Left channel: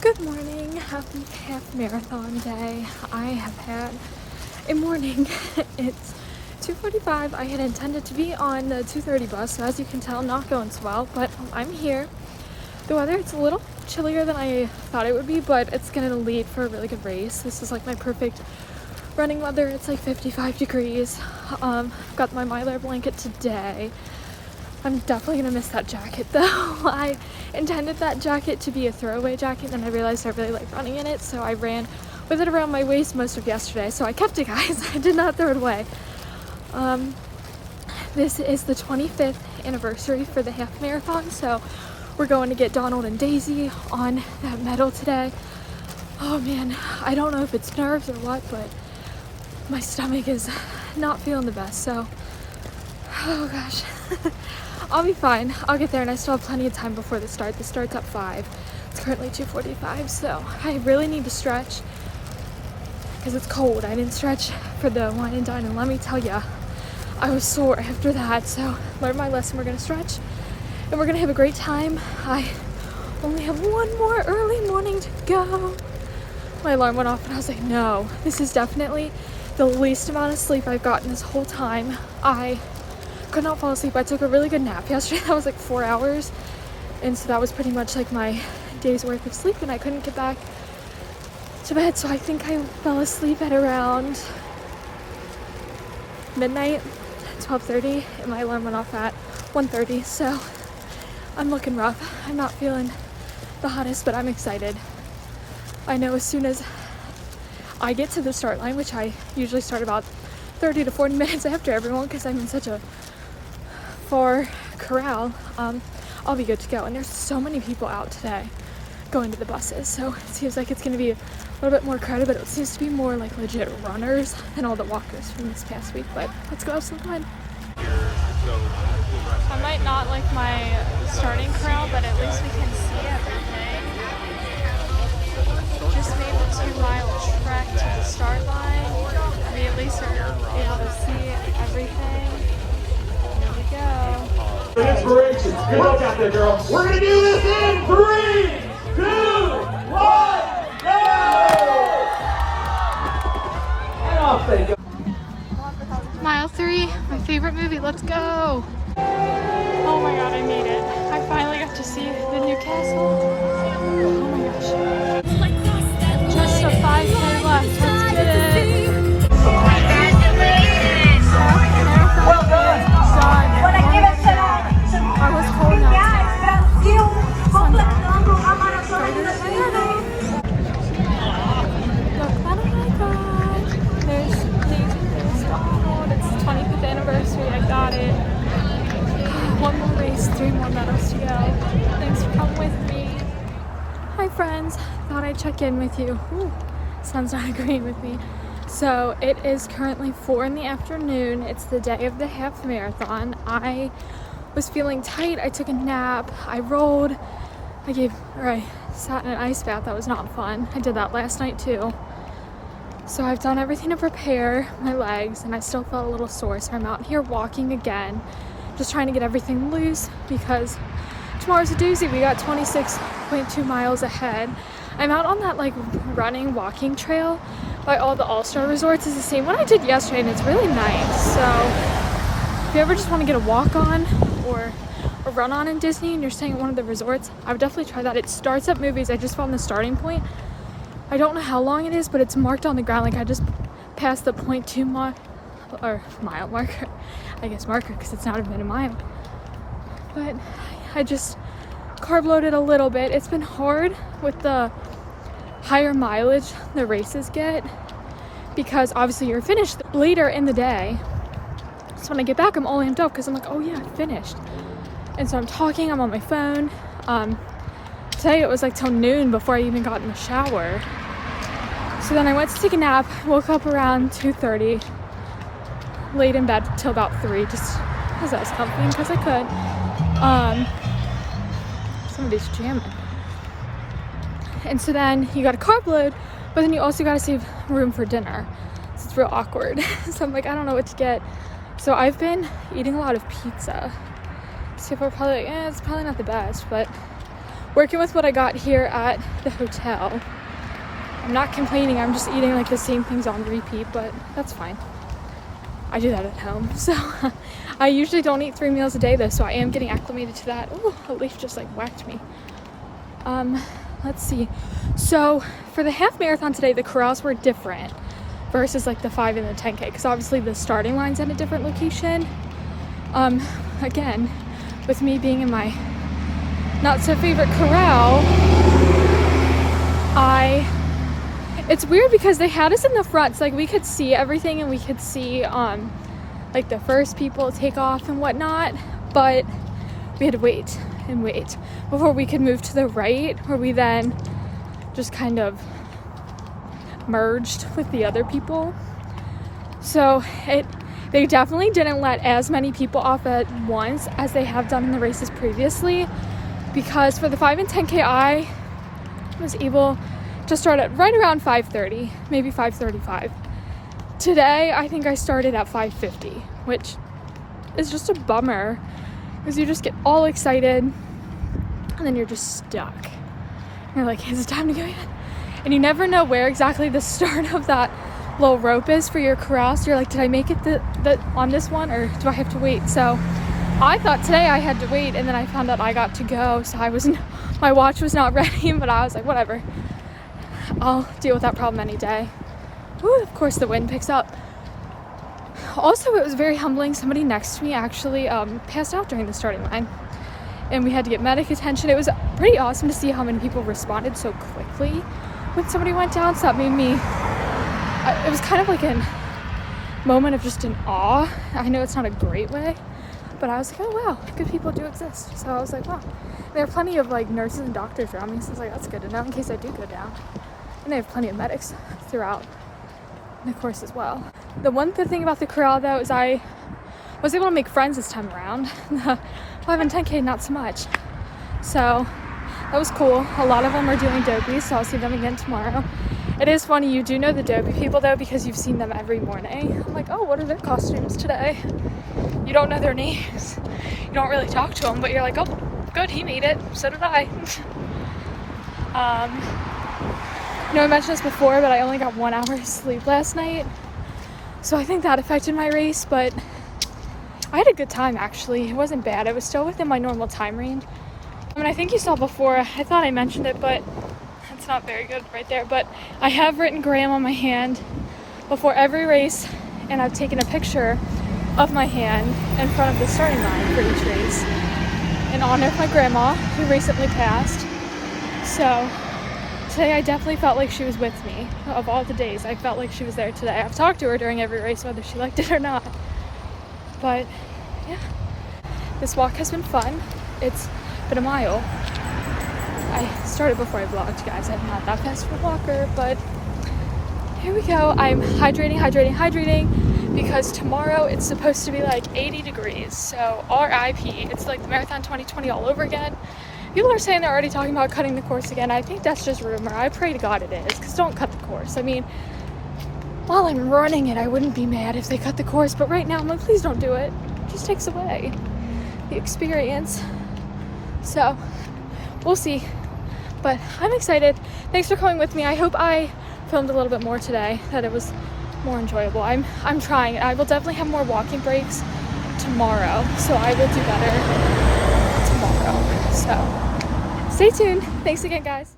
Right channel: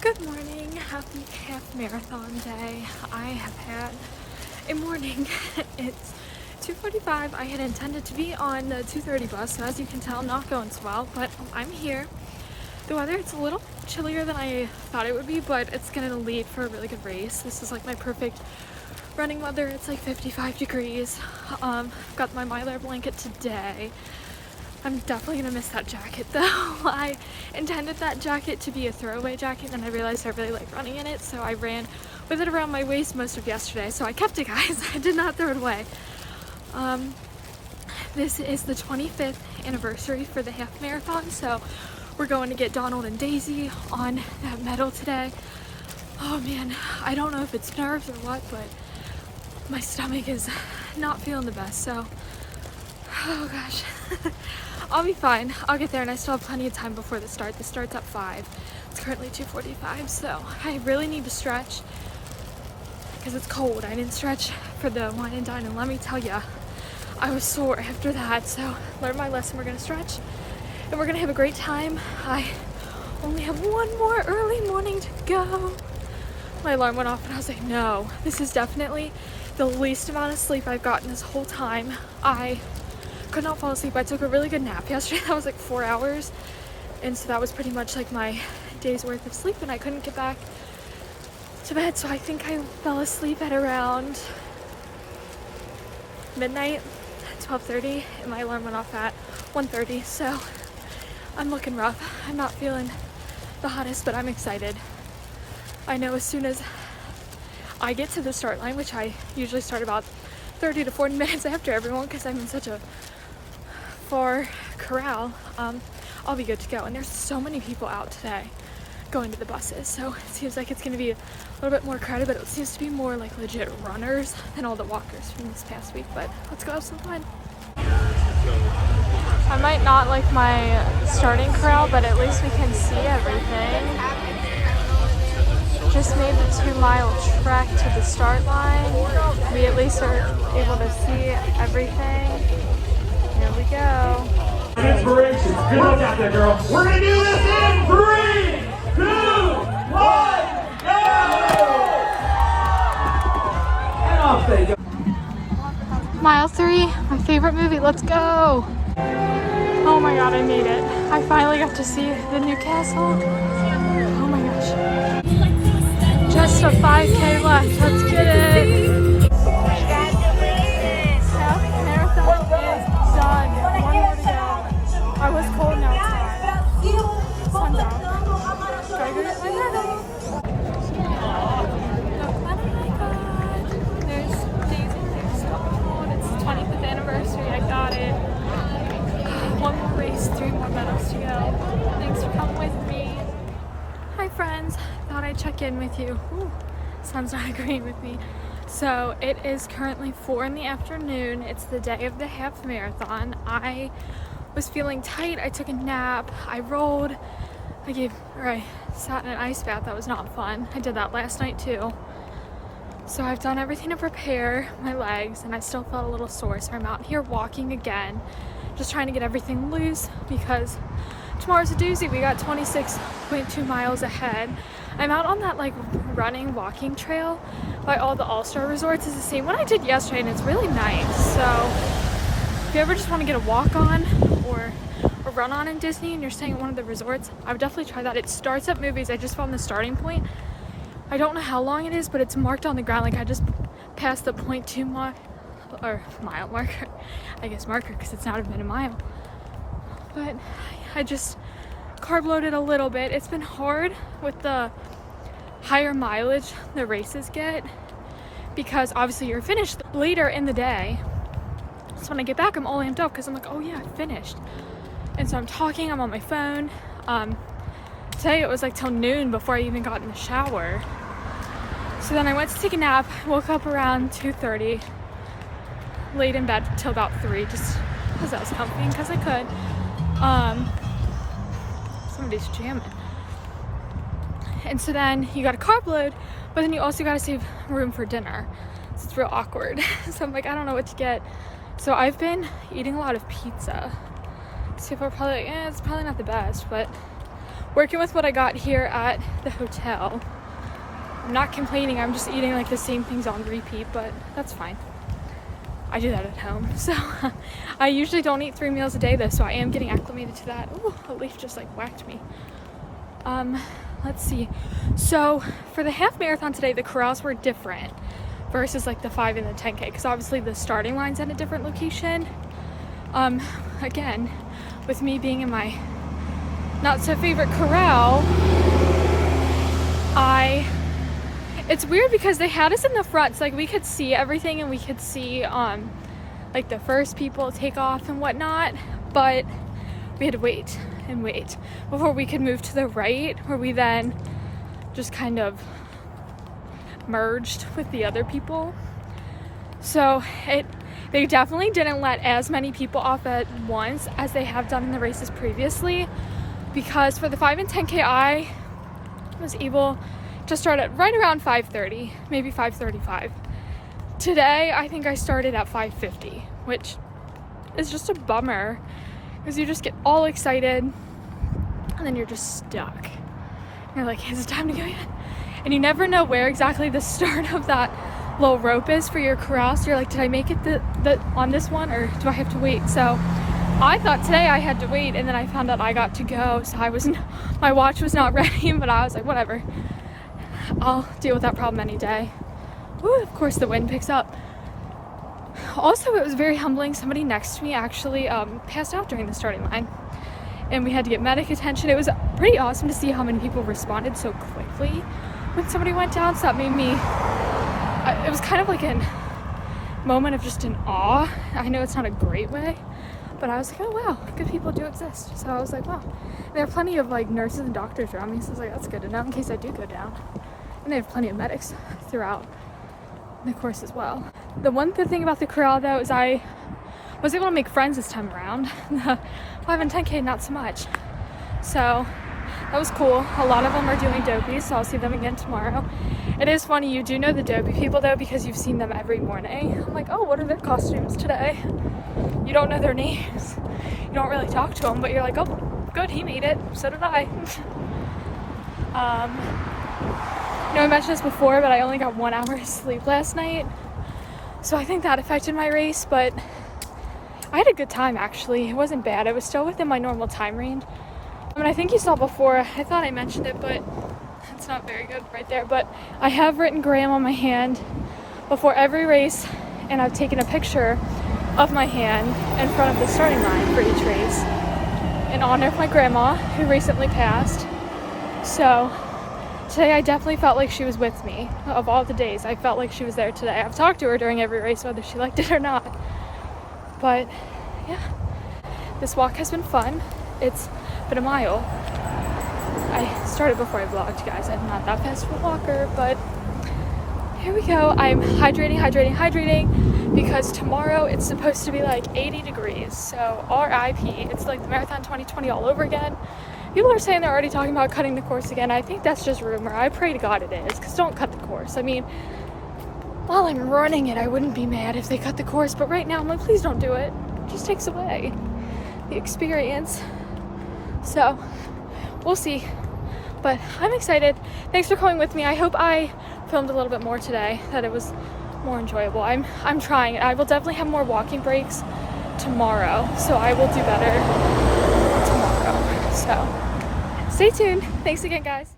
Good morning, happy half marathon day. I have had a morning. It's 2:45. I had intended to be on the 2:30 bus, so as you can tell, not going so well, but I'm here. The weather, it's a little chillier than I thought it would be, but it's gonna lead for a really good race. This is like my perfect running weather. It's like 55 degrees. I've got my Mylar blanket today. I'm definitely gonna miss that jacket though. I intended that jacket to be a throwaway jacket, and I realized I really like running in it, so I ran with it around my waist most of yesterday, so I kept it, guys. I did not throw it away. This is the 25th anniversary for the half marathon, so we're going to get Donald and Daisy on that medal today. Oh man, I don't know if it's nerves or what, but my stomach is not feeling the best, so oh gosh. I'll be fine. I'll get there, and I still have plenty of time before the start. The start's at 5. It's currently 2:45, so I really need to stretch because it's cold. I didn't stretch for the wine and dine, and let me tell ya, I was sore after that. So learn my lesson. We're gonna stretch, and we're gonna have a great time. I only have one more early morning to go. My alarm went off, and I was like, no, this is definitely the least amount of sleep I've gotten this whole time. I could not fall asleep. I took a really good nap yesterday. That was like 4 hours, and so that was pretty much like my day's worth of sleep, and I couldn't get back to bed, so I think I fell asleep at around midnight, 12:30, and my alarm went off at 1:30, so I'm looking rough. I'm not feeling the hottest, but I'm excited. I know as soon as I get to the start line, which I usually start about 30 to 40 minutes after everyone because I'm in such a far corral, I'll be good to go. And there's so many people out today going to the buses, so it seems like it's going to be a little bit more crowded, but it seems to be more like legit runners than all the walkers from this past week. But let's go have some fun. I might not like my starting corral, but at least we can see everything. Just made the 2-mile trek to the start line. We at least are able to see everything. Here we go. Inspiration. Good luck out there, girl. We're going to do this in 3, 2, 1, go! And off they go. Mile 3, my favorite movie. Let's go. Oh my god, I made it. I finally got to see the new castle. Oh my gosh. Just a 5K left. Let's get it. Marathon is done. One more to go. I was cold, now it's not. Sun's out. Started at my head. Look what I got. There's Daisy, there's Donald. It's the 25th anniversary. I got it. One more race, 3 more medals to go. Thanks for coming with me. Hi friends. Thought I'd check in with you. Ooh, sun's not agreeing with me. So it is currently 4 in the afternoon. It's the day of the half marathon. I was feeling tight. I took a nap. I rolled. I sat in an ice bath. That was not fun. I did that last night too. So I've done everything to prepare my legs, and I still felt a little sore. So I'm out here walking again, just trying to get everything loose because tomorrow's a doozy. We got 26.2 miles ahead. I'm out on that like running walking trail by all the all-star resorts. It's the same one I did yesterday, and it's really nice. So if you ever just want to get a walk on or a run on in Disney and you're staying at one of the resorts, I would definitely try that. It starts at movies. I just found the starting point. I don't know how long it is, but it's marked on the ground. Like I just passed the 0.2 mile marker. I guess marker because it's not even a mile. But I just carb loaded a little bit. It's been hard with the higher mileage the races get because obviously you're finished later in the day. So when I get back, I'm all amped up because I'm like, oh yeah, I finished. And so I'm talking, I'm on my phone. Today it was like till noon before I even got in the shower. So then I went to take a nap, woke up around 2:30, laid in bed till about 3, just because I was comfy and because I could. Somebody's jamming. And so then you got a carb load, but then you also got to save room for dinner. So it's real awkward. So I'm like, I don't know what to get. So I've been eating a lot of pizza. So people are probably like, it's probably not the best, but working with what I got here at the hotel. I'm not complaining, I'm just eating like the same things on repeat, but that's fine. I do that at home. So I usually don't eat 3 meals a day though, so I am getting acclimated to that. Ooh, a leaf just like whacked me. Let's see. So for the half marathon today, the corrals were different versus like the 5 and the 10K, because obviously the starting line's at a different location. Again, with me being in my not so favorite corral, it's weird because they had us in the front, so like we could see everything and we could see like the first people take off and whatnot, but we had to wait and wait before we could move to the right, where we then just kind of merged with the other people. So they definitely didn't let as many people off at once as they have done in the races previously, because for the 5 and 10K I was able to start at right around 5:30, maybe 5:35. Today I think I started at 5:50, which is just a bummer because you just get all excited and then you're just stuck. You're like, is it time to go in? And you never know where exactly the start of that little rope is for your corral. So you're like, did I make it on this one, or do I have to wait? So I thought today I had to wait, and then I found out I got to go. So my watch was not ready, but I was like, whatever. I'll deal with that problem any day. Woo, of course the wind picks up. Also, it was very humbling. Somebody next to me actually passed out during the starting line, and we had to get medic attention. It was pretty awesome to see how many people responded so quickly when somebody went down. So that made me, it was kind of like a moment of just in awe. I know it's not a great way, but I was like, oh wow, good people do exist. So I was like, wow. There are plenty of like nurses and doctors around me, so I was like, that's good to know in case I do go down. And they have plenty of medics throughout the course as well. The one good thing about the corral though is I was able to make friends this time around. The 5 and 10K, not so much. So that was cool. A lot of them are doing Dopey, so I'll see them again tomorrow. It is funny, you do know the Dopey people though, because you've seen them every morning. I'm like, oh, what are their costumes today? You don't know their names. You don't really talk to them, but you're like, oh, good, he made it. So did I. You know, I mentioned this before, but I only got 1 hour of sleep last night. So I think that affected my race, but I had a good time actually. It wasn't bad. It was still within my normal time range. I mean, I think you saw before, I thought I mentioned it, but it's not very good right there. But I have written Graham on my hand before every race, and I've taken a picture of my hand in front of the starting line for each race in honor of my grandma, who recently passed. So today I definitely felt like she was with me. Of all the days, I felt like she was there today. I've talked to her during every race, whether she liked it or not. But yeah, this walk has been fun. It's been a mile. I started before I vlogged, guys. I'm not that fast of a walker, but here we go. I'm hydrating because tomorrow it's supposed to be like 80 degrees. So RIP. It's like the Marathon 2020 all over again. People are saying they're already talking about cutting the course again. I think that's just rumor. I pray to God it is, because don't cut the course. I mean, while I'm running it, I wouldn't be mad if they cut the course, but right now I'm like, please don't do it. It just takes away the experience. So we'll see, but I'm excited. Thanks for coming with me. I hope I filmed a little bit more today, that it was more enjoyable. I'm trying. I will definitely have more walking breaks tomorrow, so I will do better tomorrow. So stay tuned. Thanks again, guys.